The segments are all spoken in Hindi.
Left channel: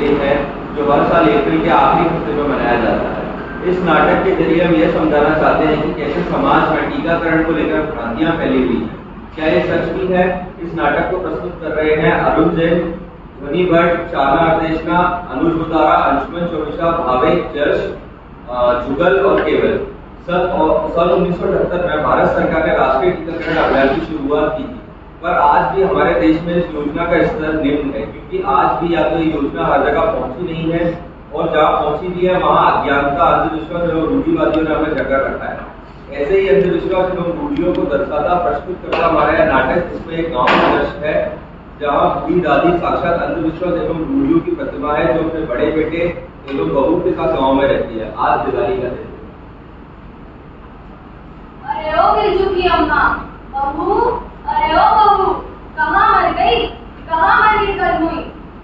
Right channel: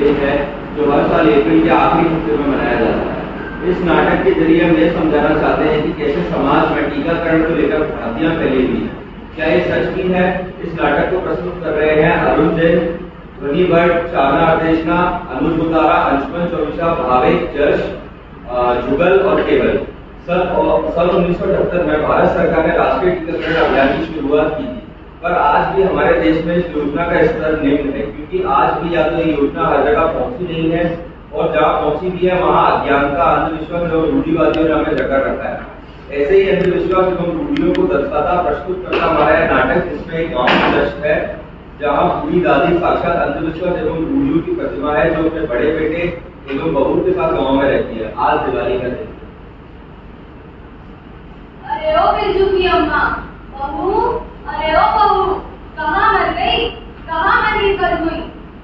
डे है जो हर साल अप्रैल के आखिरी हफ्ते में मनाया जाता है। इस नाटक के जरिए हम यह समझाना चाहते हैं कि कैसे समाज में टीकाकरण को लेकर भ्रांतियां फैली हुई हैं। क्या ये सच भी है? इस नाटक को प्रस्तुत कर रहे हैं अरुण जैन, ध्वनि भट्ट, चारना अर्देशना, अनुज बुतारा, अंशुमन चौविशा, भावेक, जश, जुगल और केवल। सन 1978 में भारत सरकार ने राष्ट्रीय टीकाकरण अभियान की शुरुआत की थी, पर आज भी हमारे देश में इस योजना का स्तर निम्न है, क्योंकि आज भी या तो ये योजना हर जगह पहुंची नहीं है और जहाँ पहुंची भी है वहाँ अज्ञानता, अंधविश्वास एवं रूढ़िवादियों ने हमें जकड़ रखा है। ऐसे ही अंधविश्वास एवं रूढ़ियों को दर्शाता प्रस्तुत करता हमारा यह नाटक, जिसमें एक गाँव का दृश्य है जहाँ बूढ़ी दादी साक्षात अंधविश्वास एवं रूढ़ियों की प्रतिमा है, जो अपने बड़े बेटे एवं बहू के साथ गाँव में रहती है। आज दिवाली का दिन। अरे ओ बिरजू की अम्मा, बहू, अरे ओ बहू, कहाँ मर गई, कहाँ मरी कल हुई?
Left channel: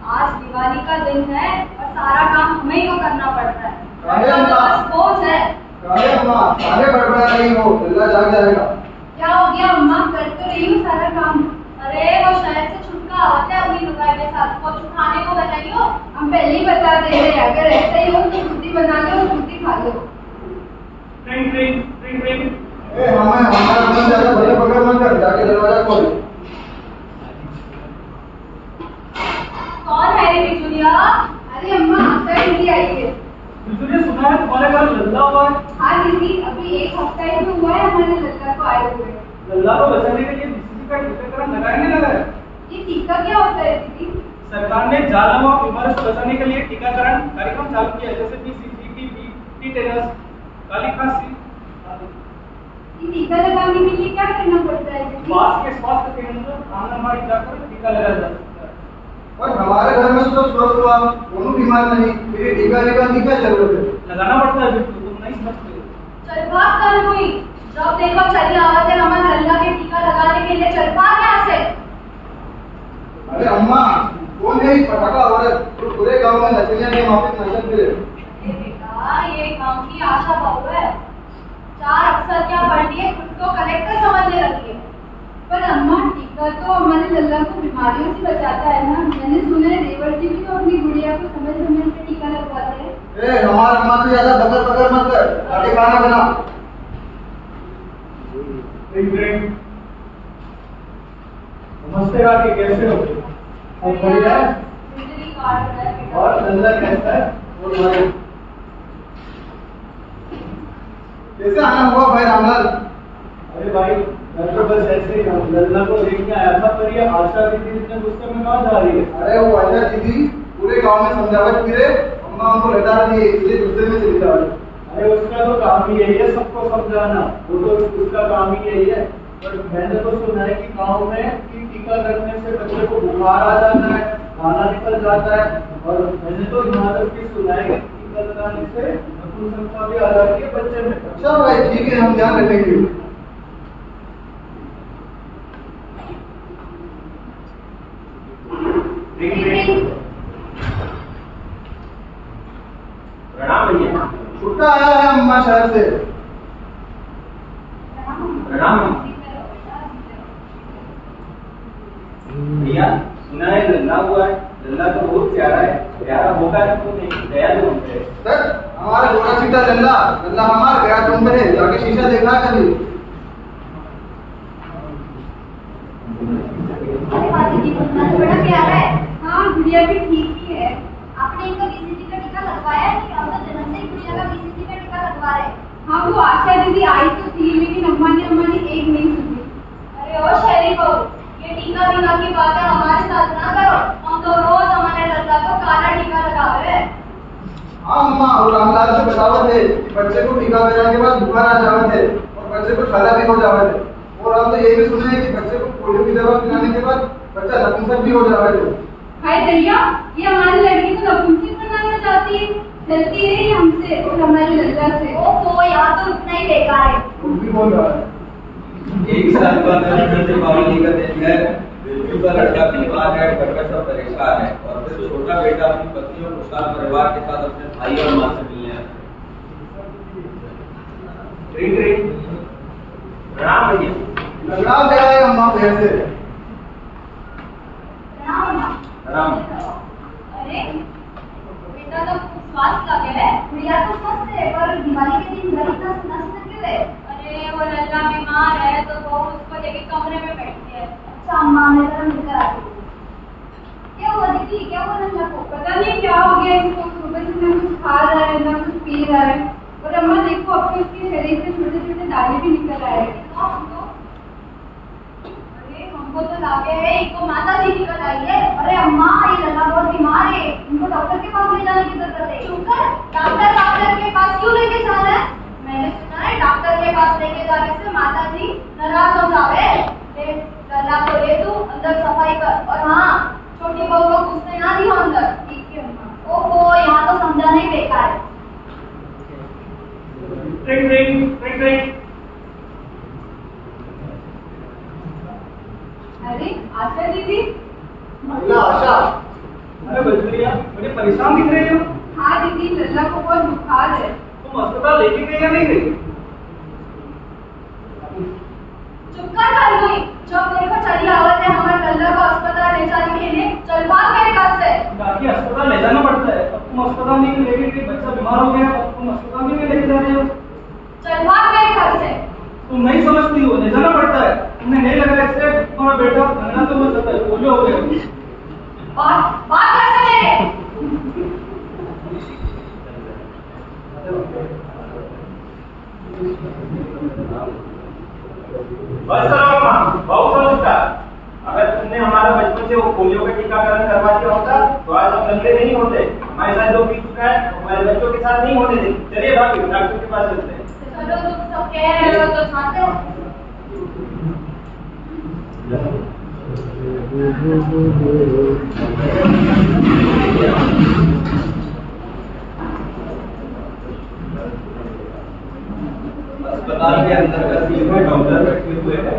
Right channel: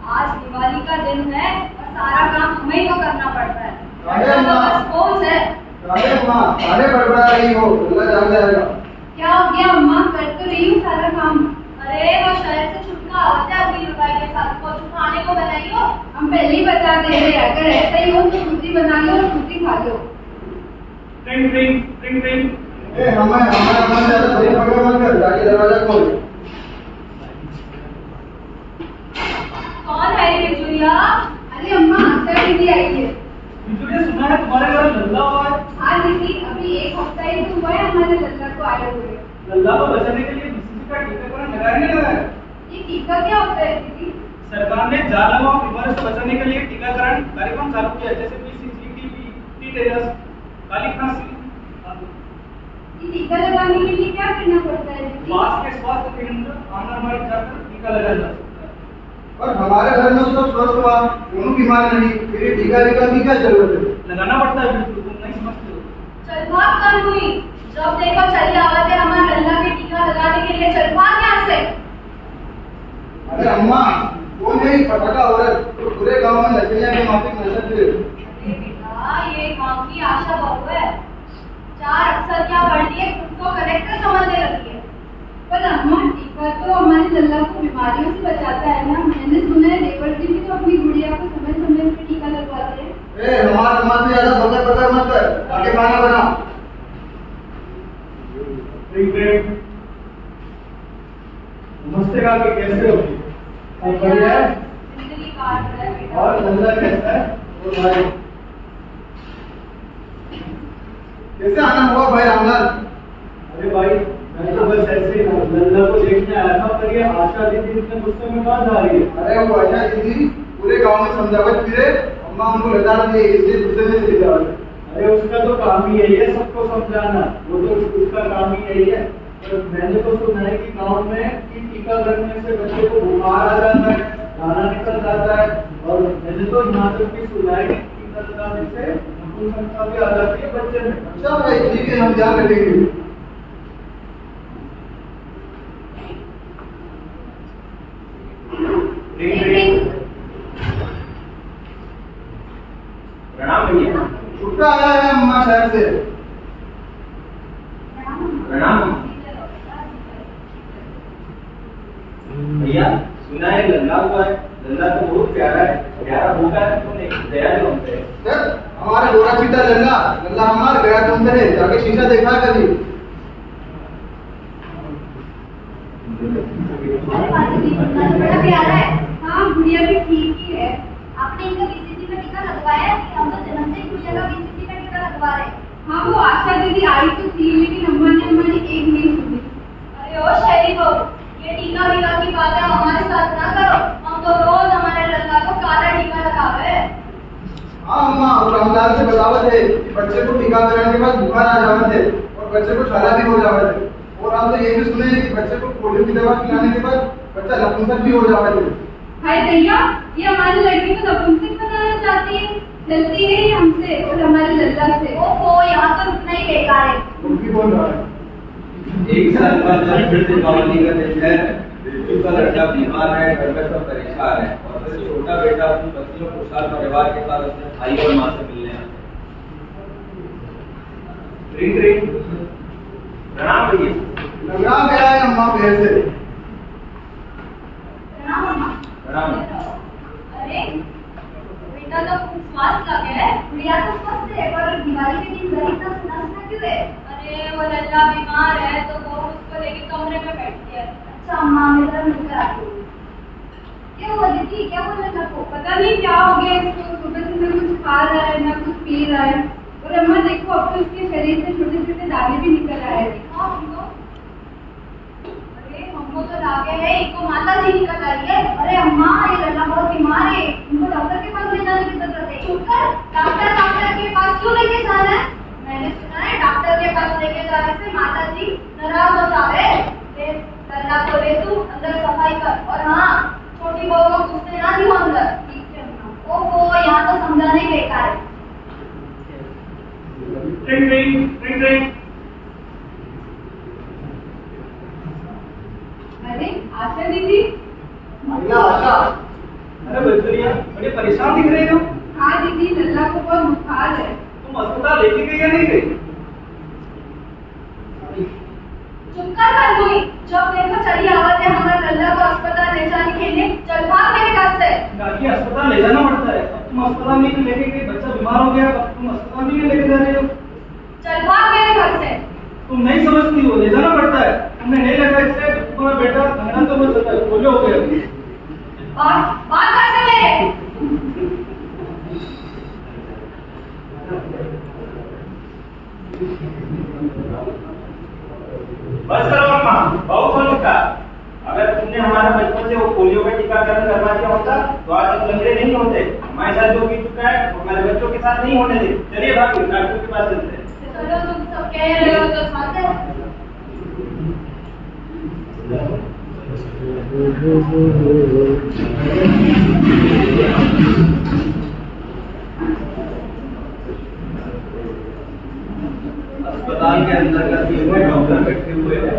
आज दिवाली का दिन है और सारा काम हमें ही को करना पड़ता है। अरे तो बस बोझ है। अरे अम्मा, सारे बड़बड़ा रही हो, अल्लाह जाग जाएगा। क्या हो गया अम्मा? कर तो रही हूँ सारा काम। अरे वो शहर से छुटका आवत है अपनी लुगाई के साथ, कुछ खाने को बनाइयो। हम पहले ही बता दे रहे हैं, अगर ऐसा ही हो तो रोटी बना लो और रोटी खा लो। ट्रिंग ट्रिंग ट्रिंग ट्रिंग। हमारा मन ज्यादा भैया पकड़ मत कर, जाके दरवाजा खोल। कौन है ये बिजुलिया? अरे अम्मा, आशा दीदी आई है। बिजुलिया, सुना है तुम्हारे घर लल्ला हुआ है? हाँ दीदी, अभी एक हफ्ता ही तो हुआ है हमारे लल्ला को आए हुए। लल्ला को बचाने के लिए बीसीजी का टीकाकरण लगाया नहीं लगाया? ये टीका क्या होता है दीदी? सरकार ने जालम और बीमारी से बचाने के लिए टीकाकरण कार्यक्रम चालू किया है, जैसे बीसीजी, टीबी, टीटेनस, काली खांसी आदि। ये टीका लगाने के लिए क्या करना पड़ता है दीदी? पास के स्वास्थ्य केंद्र आंगनबाड़ी जाकर टीका लगाया जा सकता है। और हमारे घर में तो सब स्वस्थ हुआ, दोनों बीमार नहीं, फिर ये टीका वीका की क्या जरूरत है? लगाना पड़ता है बिल्कुल, तुम नहीं समझते हो। चल भाग कल हुई, जब देखो चली आवाज है हमारे लल्ला के टीका लगाने के लिए। चल भाग यहाँ से। अरे अम्मा, कौन है ये पटाखा औरत तो पूरे गांव में नचनिया के माफिक नचत है? अरे बेटा, ये गांव की आशा बहू है। 4 अक्षर क्या पढ़ लिए, खुद को कलेक्टर समझने लगी है। पर अम्मा, टीका तो हमारे लल्ला को बीमारियों से बचाता है ना। मैंने सुना है देवर जी भी तो अपनी गुड़िया को समय समय पे टीका लगवाते हैं। ए, हमारा अम्मा से ज्यादा बकर बकर मत कर, आगे खाना बना। ट्रिंग ट्रिंग। नमस्ते काकी, कैसे हो? सब बढ़िया है? जिंदगी काट रहा है बेटा। और लल्ला कैसा है? और भाई कैसे आना हुआ भाई रामलाल? अरे भाई, मैं तो बस ऐसे ही लल्ला को देखने आया था, पर ये आशा दीदी इतने गुस्से में कहाँ जा रही है? अरे वो आशा दीदी पूरे गांव में समझावट फिरे, अम्मा उनको लता दी है, इसलिए गुस्से में चली जा रही है। अरे उसका तो काम ही यही है सबको समझाना, वो तो उसका काम ही यही है। पर मैंने तो सुना है कि गांव में कि टीका लगने से बच्चे को बुखार आ जाता है, दाना निकल जाता है, और मैंने तो यहाँ तक भी सुना है कि टीका लगाने से नपुंसकता भी आ जाती है बच्चे में। अच्छा भाई, ठीक है, हम ध्यान रखेंगे। प्रणाम भैया। छुट्टा आया है अम्मा शहर से। प्रणाम भैया, सुना है लल्ला हुआ है। लल्ला तो बहुत प्यारा है, प्यारा होगा तो नहीं गया जो हमसे। सर, हमारे गोरा सीता लल्ला, लल्ला हमार गया तुम पे है, जाके शीशा देखा कभी? अरे बाजी जी, लल्ला तो बड़ा प्यारा है। हाँ, गुड़िया भी ठीक ही है। आपने इनका बीसीजी का टीका लगवाया कि हम तो जन्म से ही गुड़िया का बीसीजी का टीका लगवा रहे हैं? हाँ, वो आशा दीदी आई तो थी, लेकिन अम्मा ने एक नहीं सुनी। अरे ओ शहरी बहू, ये टीका वीका की बातें हमारे साथ ना करो। हम तो रोज हमारे लल्ला को काला टीका लगावे। हाँ अम्मा, और रामलाल से बतावत है कि बच्चे को टीकाकरण के बाद बुखार आ जावत है और बच्चे को छाला भी हो जावत है। और हम तो ये भी सुने हैं कि बच्चे को पोलियो की दवा पिलाने के बाद बच्चा नपुंसक भी हो जावत है। हाय दैया, ये हमारी लड़की को नपुंसक बनाना चाहती है। चलती नहीं हमसे और हमारे लल्ला से। ओहो, यहाँ तो रुकना ही बेकार है। तुम भी बोल रहा है। एक साल का फिर दीपावली का दिन है, बिरजू का लड़का बीमार है, घर का सब परेशान है, और फिर छोटा बेटा अपनी पत्नी और खुशहाल परिवार के साथ अपने भाई और माँ से मिलने आता है। प्रणाम भैया। लगड़ा गया है अम्मा पैर से। प्रणाम। अरे बेटा तो खूब स्वास्थ्य लगे है। गुड़िया तो स्वस्थ है, पर दिवाली के दिन घर इतना सन्नाटा क्यों है? अरे वो लल्ला बीमार है तो बहू उसको लेके कमरे में बैठी है। अच्छा अम्मा, मैं जरा मिलकर आती हूँ। क्या हुआ दीदी, क्या हुआ लल्ला को? पता नहीं क्या हो गया इसको, सुबह से ना कुछ खा रहा है ना कुछ पी रहा है। और अम्मा देखो, अब तो इसके शरीर से छोटे छोटे दाने भी निकल आए हैं। दिखाओ हमको। अरे हमको तो लगे है इनको माता जी निकल आई है। अरे अम्मा, ये लल्ला बहुत बीमार है, इनको डॉक्टर के पास ले जाने की जरूरत है। चुप कर, डॉक्टर के पास क्यों लेके जा रहा है? मैंने सुना है डॉक्टर के पास लेके जाने से माता जी नाराज हो जावे। लल्ला को ले तू अंदर सफाई कर, और हाँ, छोटी बहू को घुसने ना दियो अंदर। ठीक है अम्मा। ओहो, यहाँ तो समझाना ही बेकार है। Ring ring ring ring. अरे आशा दीदी। महिला आशा, अरे बजरिया, बड़े परेशान दिख रही हो। हाँ दीदी, लल्ला को बहुत बुखार है। तुम अस्पताल लेके गई या नहीं गई? चुप कर कानूनी, जब देखो चली आवत है हमारे लल्ला को अस्पताल ले जाने के लिए। चल भाग मेरे घर से। गाड़ी अस्पताल ले जाना पड़ता है। अब तुम अस्पताल नहीं लेके गई, बच्चा बीमार हो गया, अब तुम अस्पताल नहीं लेके जा रहे हो। चल भाग मेरे घर से। तुम नहीं समझती हो, ले जाना पड़ता है। तुम्हें नहीं लगा इससे तुम्हारा बेटा लंगड़ा तो मत सकता है, पोलियो हो गया। बात कर मेरे। बस करो अम्मा, बहुत हो चुका। अगर तुमने हमारा बचपन से वो पोलियो का टीकाकरण करवा दिया होता तो आज हम लंगड़े नहीं होते। हमारे साथ जो बीत चुका है हमारे बच्चों के साथ नहीं होने देंगे। चलिए भाभी, डॉक्टर के पास चलते हैं। चलो, तुम सब कह रहे हो तो साथ अस्पताल के अंदर का तीनों डॉक्टर बैठे हुए हैं।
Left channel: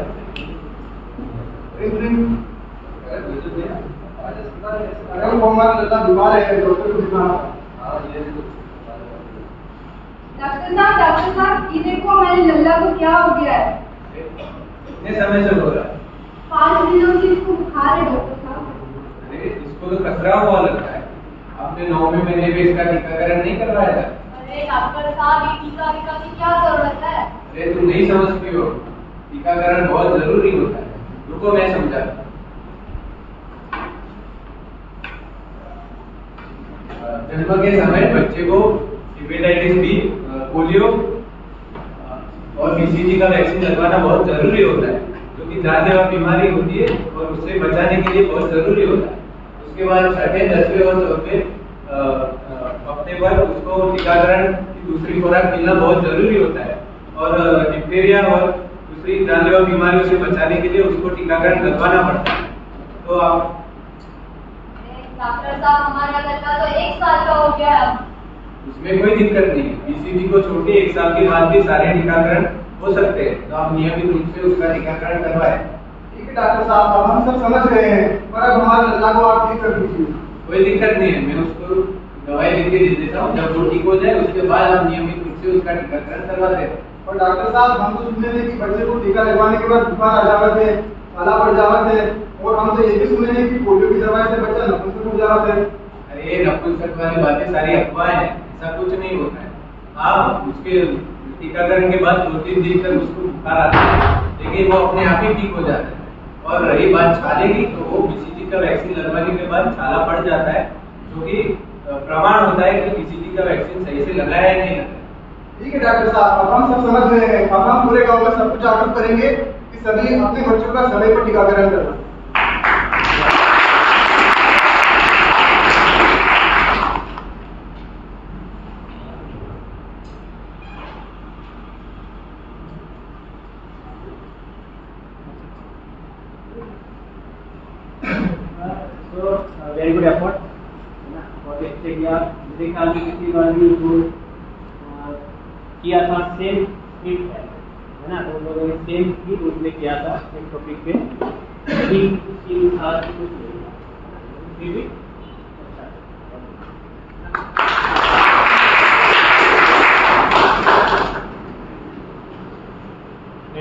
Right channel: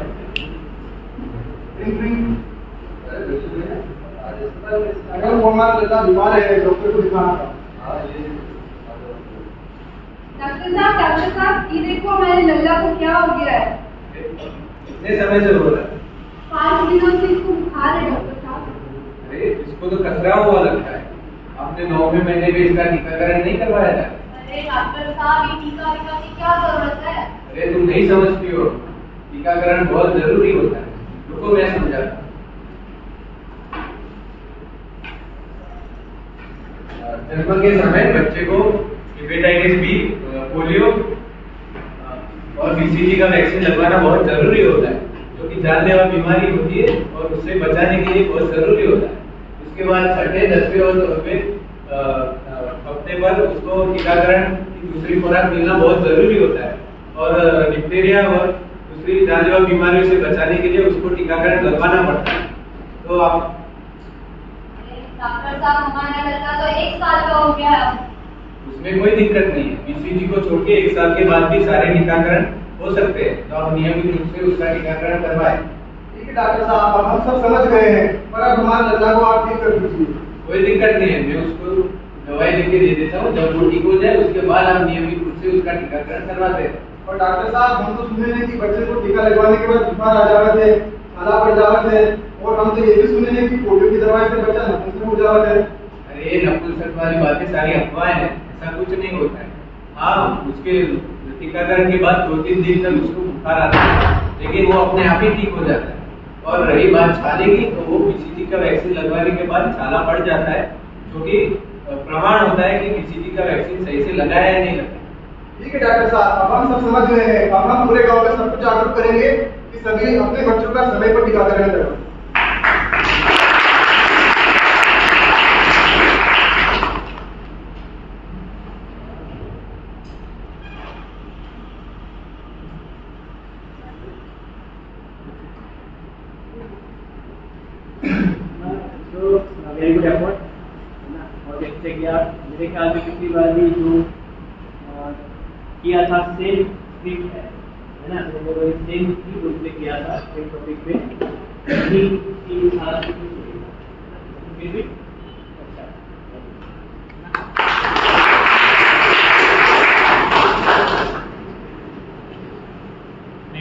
अगर वो हमारा लल्ला बीमार है, डॉक्टर को दिखाना। डॉक्टर साहब, ये देखो हमारे लल्ला को क्या हो गया है। कितने समय से हो रहा है? 5 दिनों से इसको बुखार है डॉक्टर साहब। अरे इसको तो खसरा हुआ लगता है। आपने 9वें महीने में इसका टीकाकरण नहीं करवाया था? अरे डॉक्टर साहब, ये टीका वीका की क्या जरूरत है? अरे तुम नहीं समझती हो, टीकाकरण बहुत जरूरी होता है। रुको मैं समझाता हूँ। जन्म के समय बच्चे को हेपेटाइटिस बी, पोलियो और बीसीजी का वैक्सीन लगवाना बहुत जरूरी होता है, जो कि जानलेवा बीमारी होती है और उससे बचाने के लिए बहुत जरूरी होता है। उसके बाद 6, 10वें और 12वें हफ्ते पर उसको टीकाकरण की दूसरी खुराक मिलना बहुत जरूरी होता है। और डिप्थीरिया और दूसरी जानलेवा बीमारियों से बचाने के लिए उसको टीकाकरण लगवाना पड़ता है। तो आप डॉक्टर साहब, हमारा लड़का तो 1 साल का हो गया है। उसमें कोई दिक्कत नहीं है। बीसीजी को छोड़ के 1 साल के बाद भी सारे टीकाकरण हो सकते हैं, तो आप नियमित रूप से उसका टीकाकरण करवाएं। ठीक है डॉक्टर साहब, अब हम सब समझ गए हैं, पर अब हमारे लल्ला को आप ठीक कर दीजिए। कोई दिक्कत नहीं है, मैं उसको दवाई लिख के दे देता हूँ। जब वो ठीक हो जाए उसके बाद आप नियमित रूप से उसका टीकाकरण करवाते हैं। और डॉक्टर साहब, हम तो सुने थे कि बच्चे को टीका लगवाने के बाद बुखार आ जावत है, छाला पड़ जावत है, और हम तो ये भी सुने हैं कि पोलियो की दवाई से बच्चा नपुंसक हो जावत है। अरे ये नपुंसक वाली बातें सारी अफवाह है, ऐसा कुछ नहीं होता है। हाँ, उसके टीकाकरण के बाद 2-3 दिन तक उसको बुखार आता है, लेकिन वो अपने आप ही ठीक हो जाता है। और रही बात छाले की, तो वो बीसीजी का वैक्सीन लगवाने के बाद छाला पड़ जाता है, जो कि प्रमाण होता है कि बीसीजी का वैक्सीन सही से लगा है या नहीं लगा। ठीक है डॉक्टर साहब, अब हम सब समझ गए हैं। अब हम पूरे गांव में सबको जागरूक करेंगे कि सभी अपने बच्चों का समय पर टीकाकरण करवाएं। वेरी गुड एफर्ट ना, बहुत अच्छे किया। मेरे ख्याल से पिछली बार भी जो किया था सेम ठीक है ना, तो वो लोग सेम ही रूप में किया था सेम टॉपिक पे। अभी उसके साथ कुछ फिर भी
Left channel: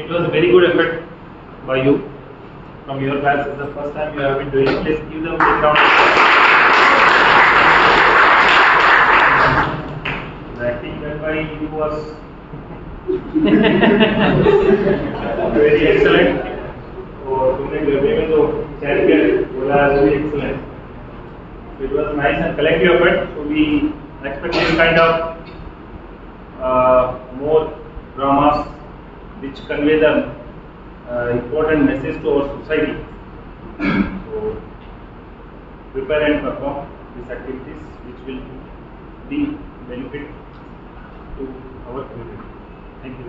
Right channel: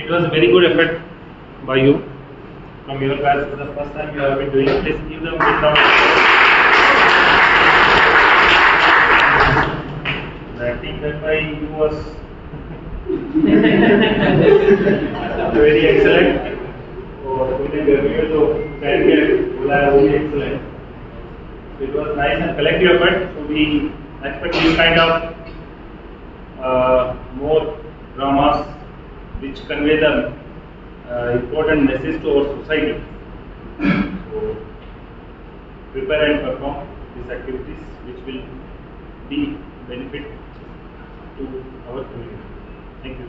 It was very good effort by you from your batch. This is the first time you have been doing it. Please give them a big round of applause. by you was very excellent. और तुमने गर्मी में तो सैर के बोला वो भी excellent. So it was nice and collective effort. So we expect this kind of more dramas which convey the important message to our society. So prepare and perform these activities which will be benefit to our community. Thank you.